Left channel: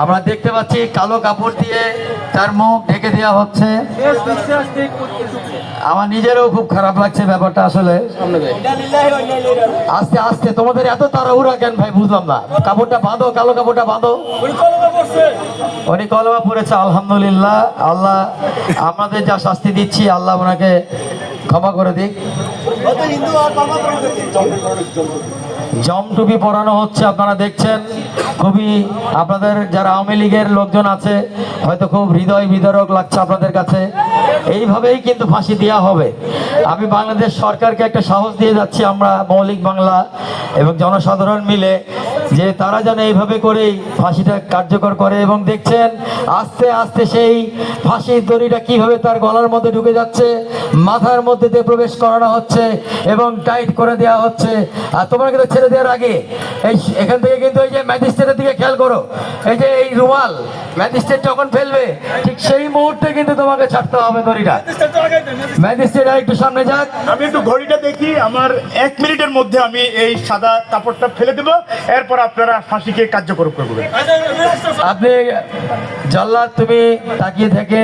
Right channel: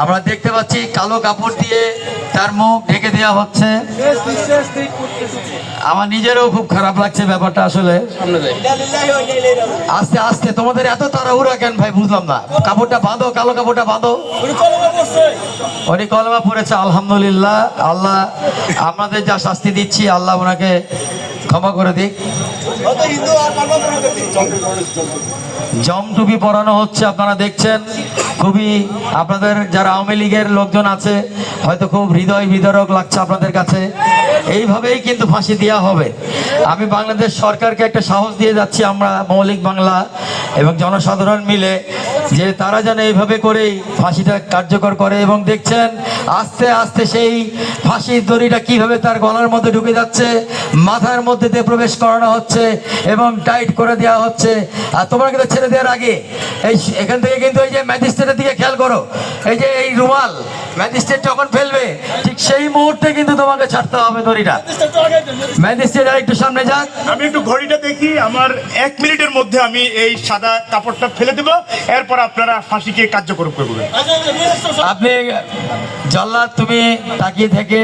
আমরা দেখতে পাচ্ছি কালো কাপড় দিয়ে তার মুখ ঢেকে দেওয়া হচ্ছে। আমার নিজেরও খুব খারাপ লাগছে ব্যাপারটা আসলে। আস্তে আস্তে তোমাদের এত তাড়াহুড়া কেন ভাই বুঝলাম না। কাপড়টা বাঁধো, কালো কাপড়টা বাঁধো। উনি কলমা পড়েছে, আলহামদুলিল্লাহ। আল্লাহ আমাদের যা শাস্তি দিচ্ছি আল্লাহ ওনাকে ক্ষমা করে দিক। জমটুপি পরানো হচ্ছে, আপনারা দেখছেন। খুবই আপনাদের যারা আওয়ামী লীগের লোকজন আছে হয়তো খুব হৃদয় বিদারক লাগছে আপনাদের কাছে। এইভাবেই কিন্তু ফাঁসি দেওয়া হবে। আমি বাংলাদেশ সরকারকে একটা সাহস দিয়ে যাচ্ছি, আমরা মৌলিক বাংলা এবং জনসাধারণ মিলে, যে তারা যেন এইভাবে করেই ফাঁসিটা কার্যকর করে। এবং দেখছেন আস্তে আস্তে সেই ফাঁসির দড়িটা কিভাবে তার গলার মধ্যে ঢুকে যাচ্ছে, মাথার মধ্যে দিয়ে প্রবেশ করানো হচ্ছে এবং টাইট করে দেওয়া হচ্ছে। আর তোমরা কিন্তু ছেড়ে দেওয়ার আগে এখান থেকে কিন্তু এই যে ম্যাজিস্ট্রেটের দিকে খেয়াল করো, এই যে এই রুমাল ম্যাজিস্ট্রেট যখন ফেলবে ঠিক সেই মুহূর্তে কিন্তু তোমাকে ছাড়তে হবে দড়িটা। ম্যাজিস্ট্রেট আর একটু সামনে যাক। আমি একটু ঘড়িটা দেখি, আমার 1 মিনিটের মধ্যে আমি এই সাদা কাপড়টা ফেলে দেবো, এরপর আপনারা ফাঁসিকে কার্যকর করবেন। আপনি জল্লাদ, তুমি তাকিয়ে থেকে